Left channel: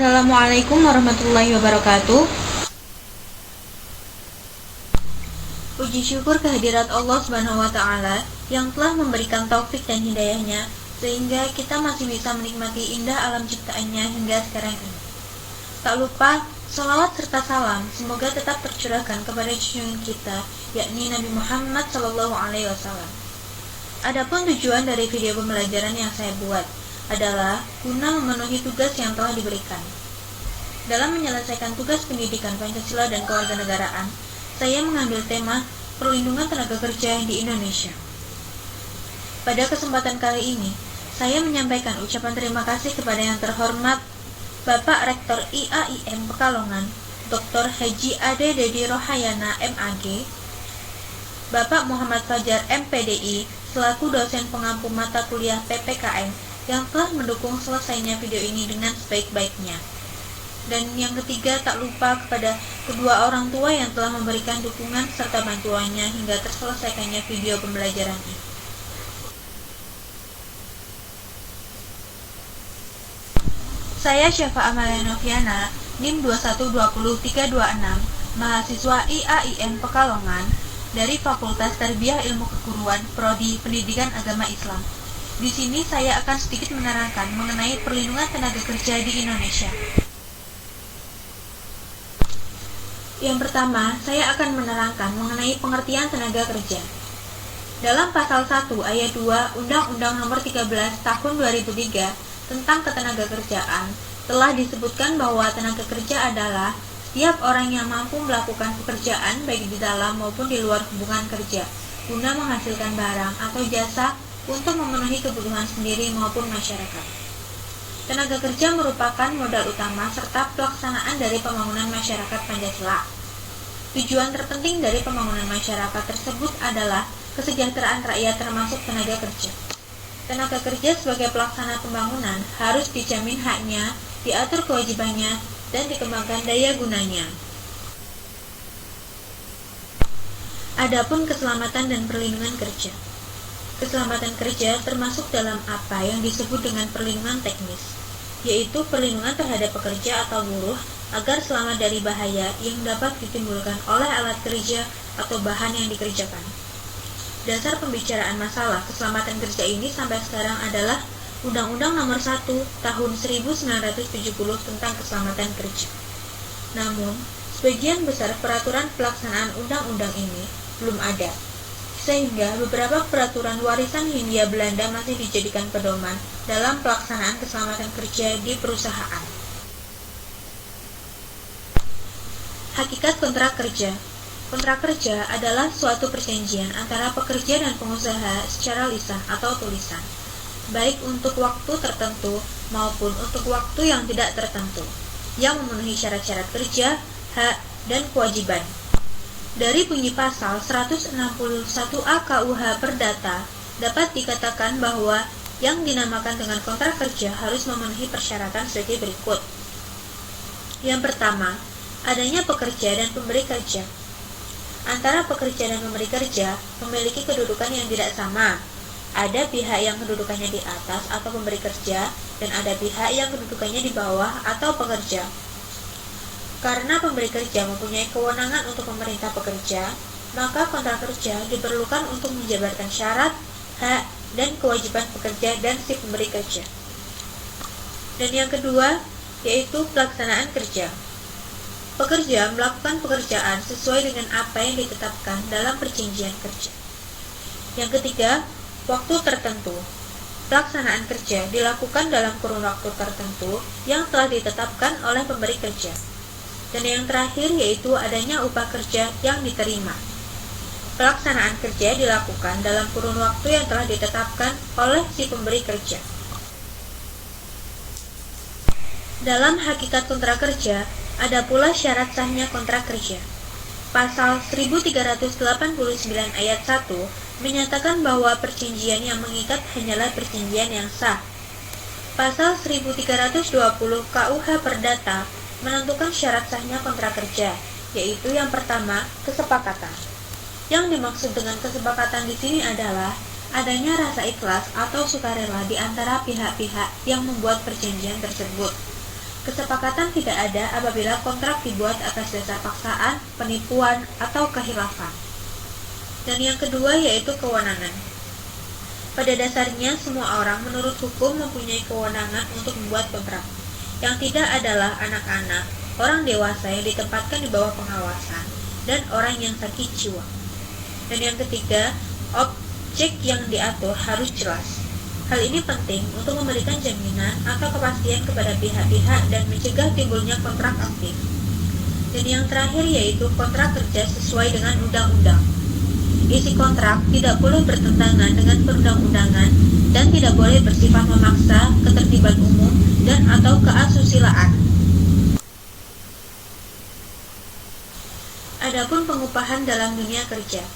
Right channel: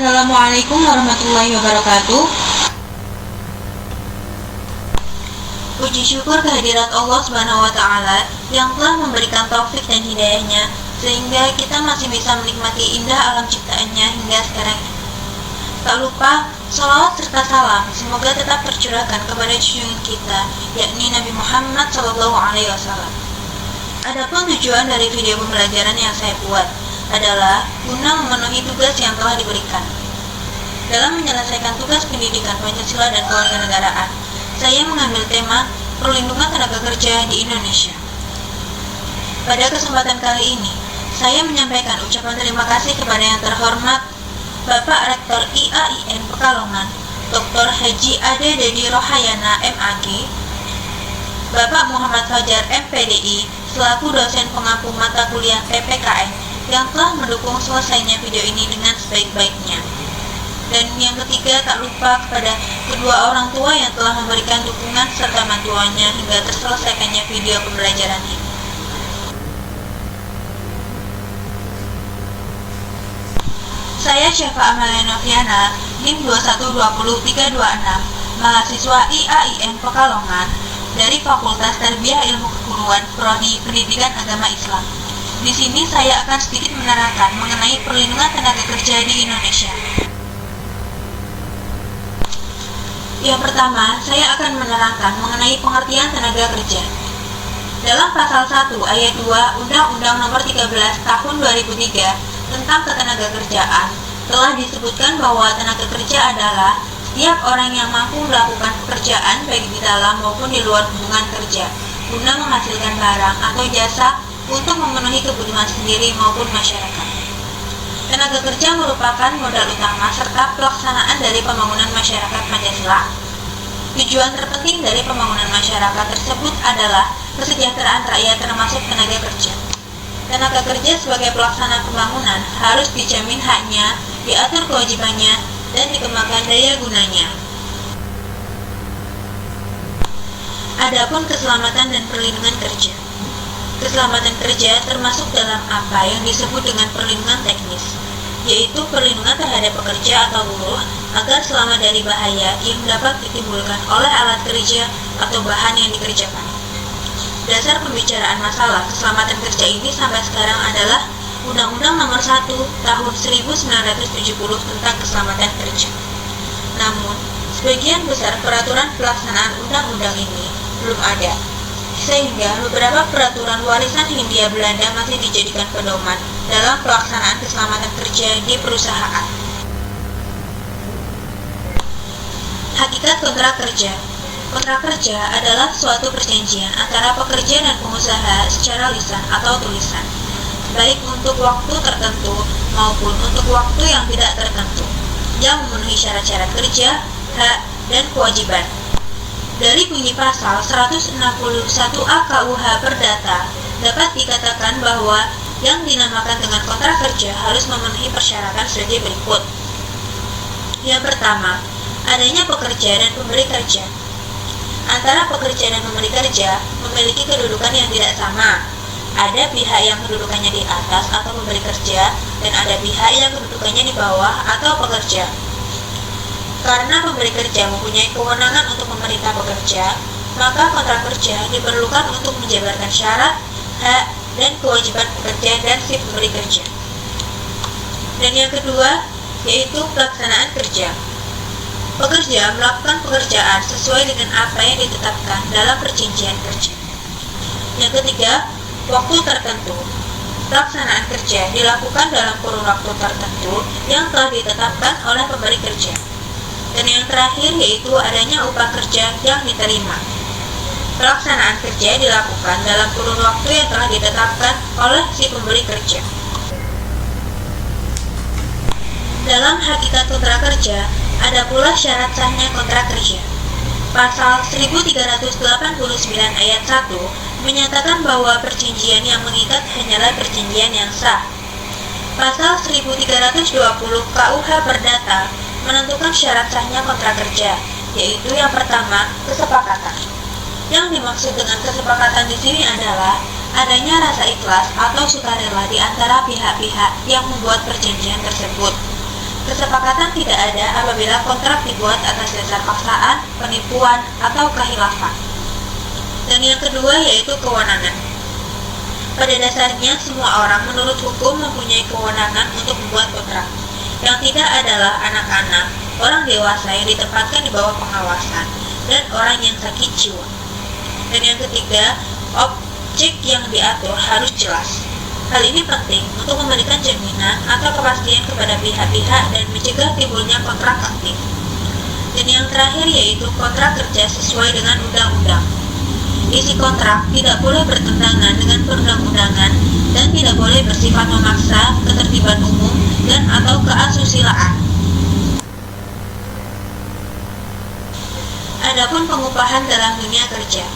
Assalamualaikum warahmatullahi wabarakatuh. Puji syukur kehadirat Allah Subhanahu wa Ta'ala yang telah memberikan taufik dan hidayahnya sehingga kita masih bisa menikmati indah alam ciptaannya hingga sekarang. Tak lupa salawat serta salam semoga tetap tercurahkan kepada junjungan kita, yakni Nabi Muhammad SAW. Adapun tujuan dari video pembelajaran yang saya buat adalah guna memenuhi tugas yang telah diberikan. Dalam menyelesaikan tugas pendidikan Pancasila dan kewarganegaraan, saya mengambil tema perlindungan tenaga kerja di Indonesia. Pada kesempatan kali ini, saya menyampaikan ucapan terima kasih kepada yang terhormat Bapak Rektor IAIN Pekalongan, Dr. Haji Ade Dedi Rohayana MAG, Bapak Muhammad Fajar MPDI selaku dosen pengampu mata kuliah PPKN yang telah mendukung selesainya video ini dengan sebaik-baiknya. Dan yang ketiga, tak lupa kepada kedua orang tua yang telah memberikan dukungan serta bantuannya hingga terselesaikannya video pembelajaran ini. Saya Syafa Amalia Noviana, NIM 2120326, mahasiswa IAIN Pekalongan dari Fakultas Tarbiyah Ilmu Keguruan Prodi Pendidikan Agama Islam. Di sini saya akan sedikit menerangkan mengenai perlindungan tenaga kerja di Indonesia. Yang pertama, saya akan menerangkan mengenai pengertian tenaga kerja. Dalam pasal 1 ayat 2 Undang-Undang Nomor 13 Tahun 2003 tentang Ketenagakerjaan telah disebutkan bahwa tenaga kerja adalah setiap orang yang mampu melakukan pekerjaan baik di dalam maupun di luar hubungan kerja guna menghasilkan barang atau jasa untuk memenuhi kebutuhan sendiri maupun masyarakat. Tenaga kerja merupakan modal utama serta pelaksanaan dari pembangunan masyarakat Pancasila. Tujuan terpenting dari pembangunan masyarakat tersebut adalah kesejahteraan rakyat termasuk tenaga kerja. Tenaga kerja sebagai pelaksana pembangunan harus dijamin haknya, diatur kewajibannya, dan dikembangkan daya gunanya. Adapun keselamatan dan perlindungan kerja. Keselamatan kerja termasuk dalam apa yang disebut dengan perlindungan teknis, yaitu perlindungan terhadap pekerja atau buruh agar selamat dari bahaya yang dapat ditimbulkan oleh alat kerja atau bahan yang dikerjakan. Dasar pembicaraan masalah keselamatan kerja ini sampai sekarang adalah Undang-Undang Nomor 1 Tahun 1970 tentang Keselamatan Kerja. Namun, sebagian besar peraturan pelaksanaan undang-undang ini belum ada, sehingga beberapa peraturan warisan Hindia Belanda masih dijadikan pedoman dalam pelaksanaan keselamatan kerja di perusahaan. Hakikat kontrak kerja. Kontrak kerja adalah suatu perjanjian antara pekerja dan pengusaha secara lisan atau tulisan, baik untuk waktu tertentu maupun untuk waktu yang tidak tertentu, yang memenuhi syarat-syarat kerja, hak, dan kewajiban. Dari bunyi pasal 161A KUH Perdata dapat dikatakan bahwa yang dinamakan dengan kontrak kerja harus memenuhi persyaratan sebagai berikut. Yang pertama, adanya pekerja dan pemberi kerja. Antara pekerja dan pemberi kerja memiliki kedudukan yang tidak sama. Ada pihak yang kedudukannya di atas atau pemberi kerja, dan ada pihak yang kedudukannya di bawah atau pekerja. Karena pemberi kerja mempunyai kewenangan untuk memerintah pekerja, maka kontrak kerja diperlukan untuk menjabarkan syarat, hak, dan kewajiban pekerja dan si pemberi kerja. Dan yang kedua, yaitu pelaksanaan kerja. Pekerja melakukan pekerjaan sesuai dengan apa yang ditetapkan dalam perjanjian kerja. Yang ketiga, waktu tertentu. Pelaksanaan kerja dilakukan dalam kurun waktu tertentu yang telah ditetapkan oleh pemberi kerja. Dan yang terakhir yaitu adanya upah kerja yang diterima. Pelaksanaan kerja dilakukan dalam kurun waktu yang telah ditetapkan oleh si pemberi kerja. Dalam hakikat kontrak kerja, ada pula syarat sahnya kontrak kerja. Pasal 1389 ayat 1 menyatakan bahwa perjanjian yang mengikat hanyalah perjanjian yang sah. Pasal 1320 KUH Perdata menentukan syarat sahnya kontrak kerja, yaitu yang pertama, kesepakatan. Yang dimaksud dengan kesepakatan di sini adalah adanya rasa ikhlas atau sukarela di antara pihak-pihak yang membuat perjanjian tersebut. Kesepakatan tidak ada apabila kontrak dibuat atas dasar paksaan, penipuan, atau khilafah. Dan yang kedua yaitu kewenangan. Pada dasarnya semua orang menurut hukum mempunyai kewenangan untuk membuat kontrak. Yang tidak adalah anak-anak, orang dewasa yang ditempatkan di bawah pengawasan, dan orang yang sakit jiwa. Dan yang ketiga, objek yang diatur harus jelas. Hal ini penting untuk memberikan jaminan atau kepastian kepada pihak-pihak dan mencegah timbulnya kontrak aktif. Dan yang terakhir yaitu kontrak kerja sesuai dengan undang-undang. Isi kontrak tidak boleh bertentangan dengan perundang-undangan dan tidak boleh bersifat memaksa, ketertiban umum, dan atau keasusilaan. Adapun pengupahan dalam dunia kerja.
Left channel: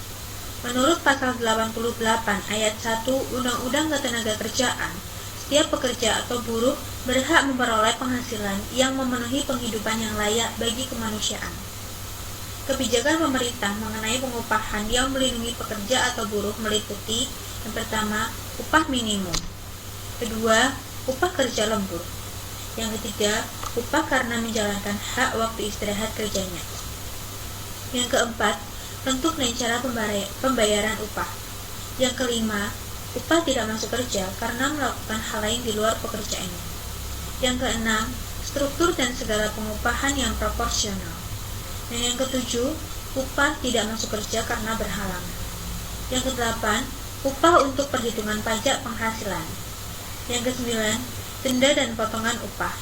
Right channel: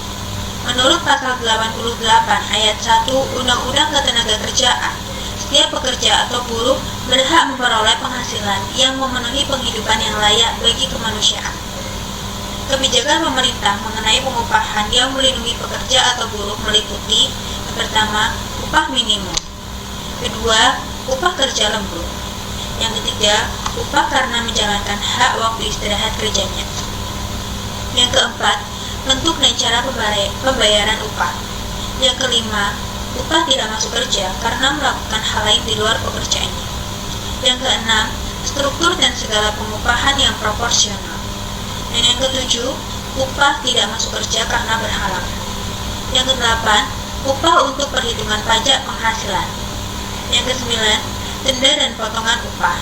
Menurut pasal 88 ayat 1 Undang-Undang Ketenagakerjaan, setiap pekerja atau buruh berhak memperoleh penghasilan yang memenuhi penghidupan yang layak bagi kemanusiaan. Kebijakan pemerintah mengenai pengupahan yang melindungi pekerja atau buruh meliputi: yang pertama, upah minimum; kedua, upah kerja lembur; yang ketiga, upah karena menjalankan hak waktu istirahat kerjanya; yang keempat, bentuk dan cara pembayaran upah; yang kelima, upah tidak masuk kerja karena melakukan hal lain di luar pekerjaannya; yang keenam, struktur dan segala pengupahan yang proporsional; dan yang ketujuh, upah tidak masuk kerja karena berhalangan; yang kedelapan, upah untuk perhitungan pajak penghasilan; yang kesembilan, denda dan potongan upah;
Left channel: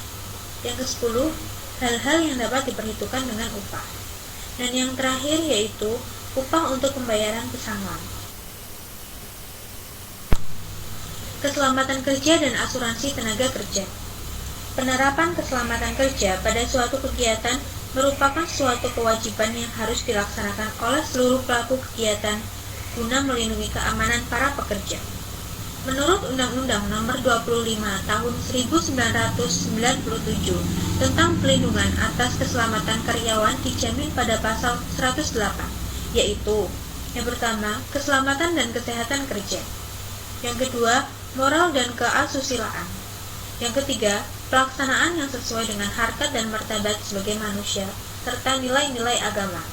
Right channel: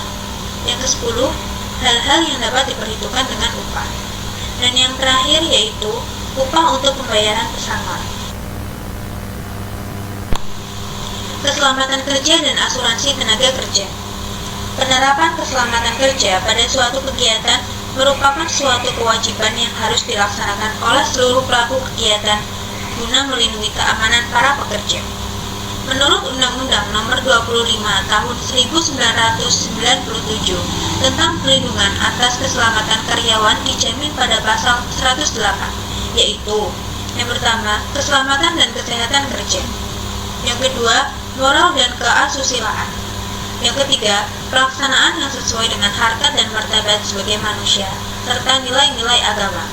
yang kesepuluh, hal-hal yang dapat diperhitungkan dengan upah; dan yang terakhir yaitu upah untuk pembayaran pesangon. Keselamatan kerja dan asuransi tenaga kerja. Penerapan keselamatan kerja pada suatu kegiatan merupakan suatu kewajiban yang harus dilaksanakan oleh seluruh pelaku kegiatan guna melindungi keamanan para pekerja. Menurut Undang-Undang Nomor 25 Tahun 1997 tentang Pelindungan atas Keselamatan Karyawan dijamin pada pasal 108, yaitu: yang pertama, keselamatan dan kesehatan kerja; yang kedua, moral dan keasusilaan; yang ketiga, pelaksanaan yang sesuai dengan harkat dan martabat sebagai manusia, serta nilai-nilai agama.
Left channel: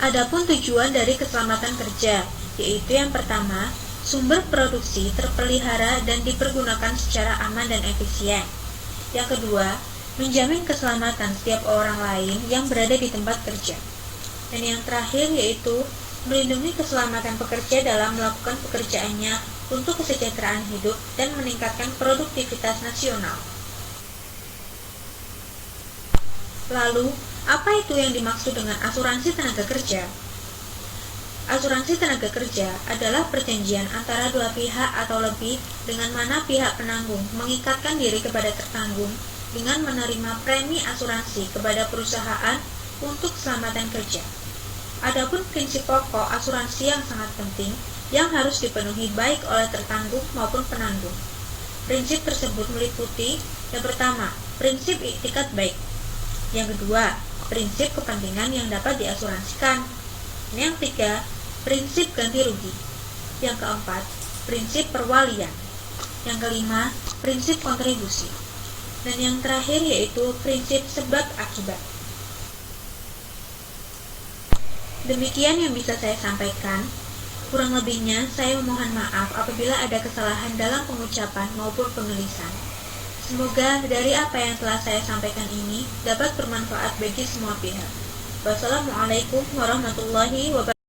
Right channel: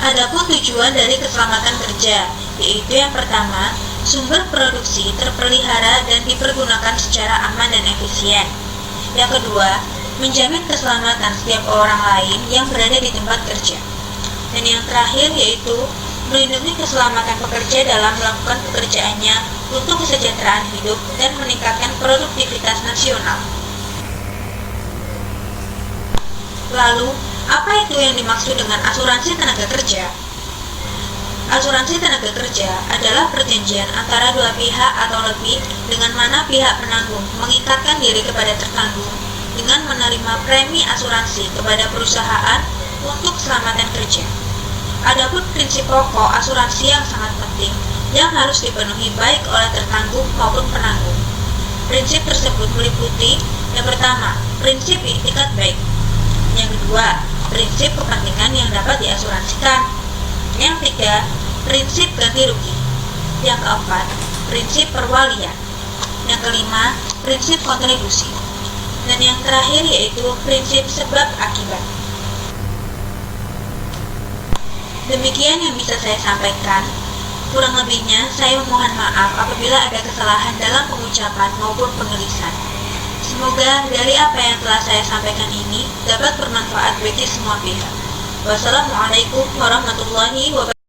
Adapun tujuan dari keselamatan kerja, yaitu yang pertama, sumber produksi terpelihara dan dipergunakan secara aman dan efisien; yang kedua, menjamin keselamatan setiap orang lain yang berada di tempat kerja; dan yang terakhir yaitu melindungi keselamatan pekerja dalam melakukan pekerjaannya untuk kesejahteraan hidup dan meningkatkan produktivitas nasional. Lalu, apa itu yang dimaksud dengan asuransi tenaga kerja? Asuransi tenaga kerja adalah perjanjian antara dua pihak atau lebih dengan mana pihak penanggung mengikatkan diri kepada tertanggung dengan menerima premi asuransi kepada perusahaan untuk keselamatan kerja. Adapun prinsip pokok asuransi yang sangat penting yang harus dipenuhi baik oleh tertanggung maupun penanggung. Prinsip tersebut meliputi: yang pertama, prinsip iktikat baik; yang kedua, prinsip kepentingan yang dapat diasuransikan; yang ketiga, prinsip ganti rugi; yang keempat, prinsip perwalian; yang kelima, prinsip kontribusi; dan yang terakhir yaitu prinsip sebab akibat. Demikian yang bisa saya sampaikan. Kurang lebihnya saya mohon maaf apabila ada kesalahan dalam pengucapan maupun penulisan. Semoga dari apa yang telah saya sampaikan ini dapat bermanfaat bagi semua pihak. Wassalamualaikum warahmatullahi wabarakatuh.